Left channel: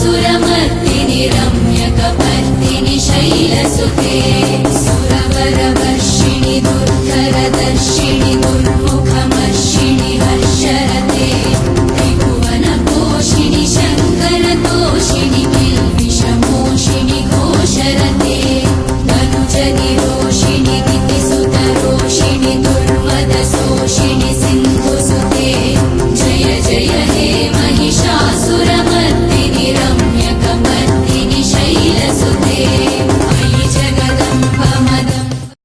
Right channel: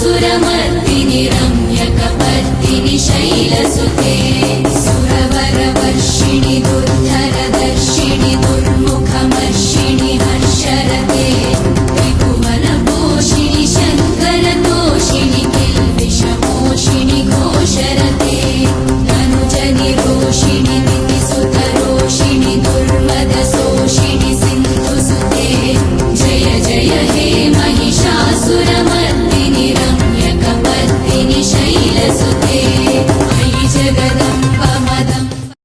सुरमर्दिनि रम्यकपर्दिनि शैलसु